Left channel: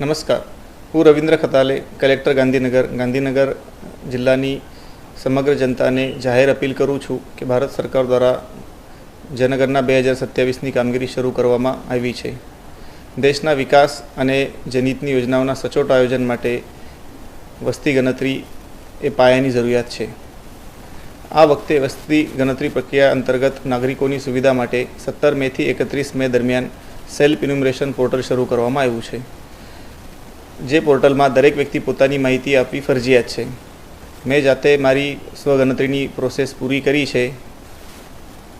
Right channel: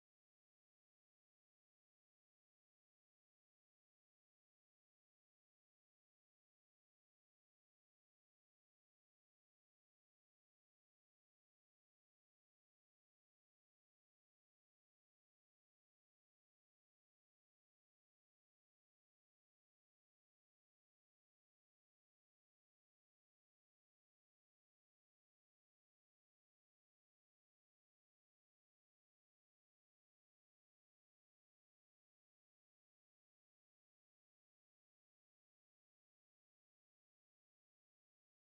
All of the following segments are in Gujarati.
નમસ્કાર, હું રવિન્દ્ર ખતાલે, કલેક્ટર ગાંધીનગર જિલ્લાની સમગ્ર જનતાને જાહેર અપીલ કરું છું કે ભારત સરકાર દ્વારા જનગણના 2027ની કામગીરી શરૂ કરવામાં આવી છે। દેશના વિકાસ અને જનહિતની યોજનાઓના સચોટ આયોજન માટે વસ્તી ગણતરી એ પાયાની જરૂરિયાત છે। આ વખતે વસ્તી ગણતરી પ્રક્રિયા અંતર્ગત નાગરિકોની સુવિધા માટે 17 મેથી 31 મે દરમિયાન સેલ્ફ ઇન્યુમરેશન પોર્ટલ શરૂ કરવામાં આવ્યું છે, જે પોર્ટલમાં દરેક વ્યક્તિ પોતાની માહિતી આપવી ફરજિયાત છે। મેં જાતે મારી સ્વગણતરીની પ્રોસેસ પૂરી કરી છે।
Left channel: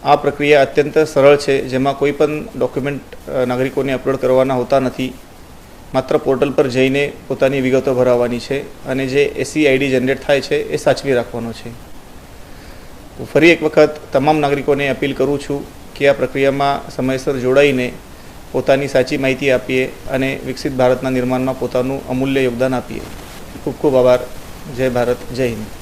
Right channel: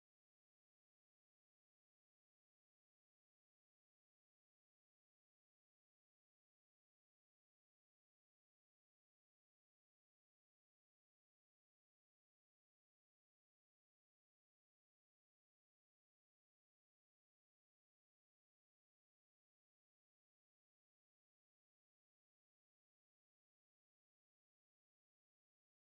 આ પ્રક્રિયા અત્યંત સરળ છે, જેમાં કોઈ પણ ડોક્યુમેન્ટ નાગરિકોને અપલોડ કરવાના હોતા નથી। માત્ર પોર્ટલ પર જઈને પોતાની વિગતો ભરાવવાની છે અને જે SEID જનરેટ થાય છે એ સાચવી રાખવાનો છે। ફરી એક વખત તમામ નાગરિકોને અપીલ કરું છું કે આ પ્રક્રિયામાં સમયસર જોડાઈને પોતાની સાચી માહિતી આપીએ અને વિકસિત ભારતના નિર્માણમાં પોતાનું અમૂલ્ય યોગદાન આપીએ। ખૂબ ખૂબ આભાર। જય ભારત, જય હિન્દ।